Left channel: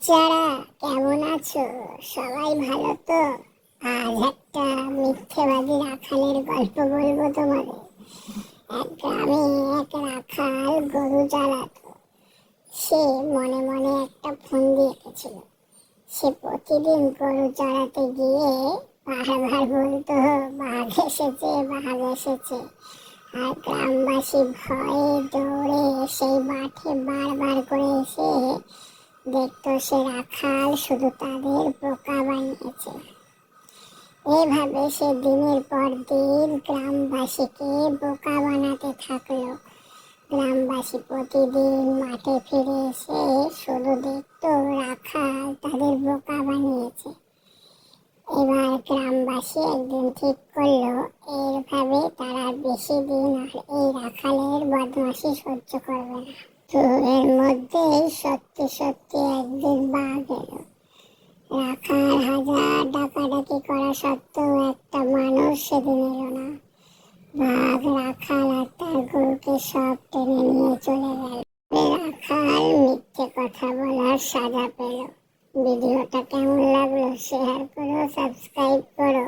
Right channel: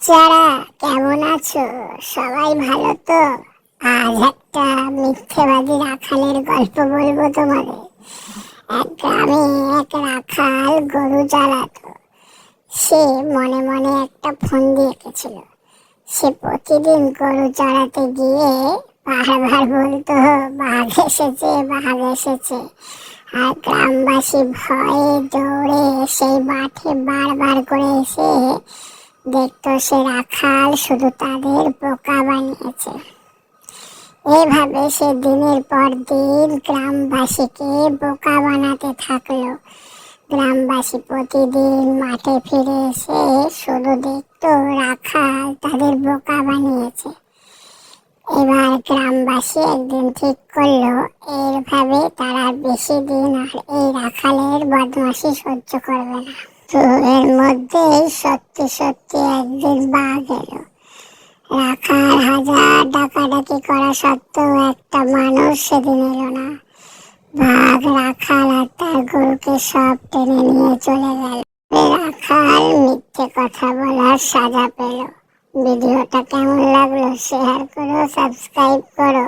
বাচ্চারা কেমন আছো? সবাই ভালো তো? আজ একটা মিথ্যেবাদী রাখালের গল্প বলবো তোমাদের। এক গ্রামে এক রাখাল গরু চালাতো। সে মনে মনে একটা ফন্দি এঁকেছিল। সে প্রতিদিন গরু চড়াতে গিয়ে বারবার বলতো, বাঘ এসেছে, বাঘ এসেছে। আর গ্রামবাসী ভয়ে দৌড়ে সেই মাঠে বারবার করে এসে দেখতো সে রাখাল শুধু তাদের বোকা বানিয়েছে। এভাবে সে দিনের পর দিন গ্রামবাসীকে বোকা বানাতে থাকলো। গ্রামবাসী প্রতিদিন মাঠে ফিরে এসে শুধু দেখতো রাখাল তাদের বোকা বানিয়েছে। এবার গ্রামবাসী একদিন ঠিক করলো, এইভাবে তারা বেশি দিন আর এই রাখালের বদমাশি সহ্য করবে না। তো এর মধ্যে সত্যি সত্যি একদিন বাঘ এলো। রাখাল হাজার ডাকাডাকি করা সত্ত্বেও একটা মানুষ সেদিন এলো না। বাঘ রাখাল আর তার গরুকে সব টেনে নিয়ে চলে গেল। রাখাল মিথ্যে কথা বলার সাজা পেল। ভিডিওটা কেমন লাগলো শেয়ার করো, সাবস্ক্রাইব করো।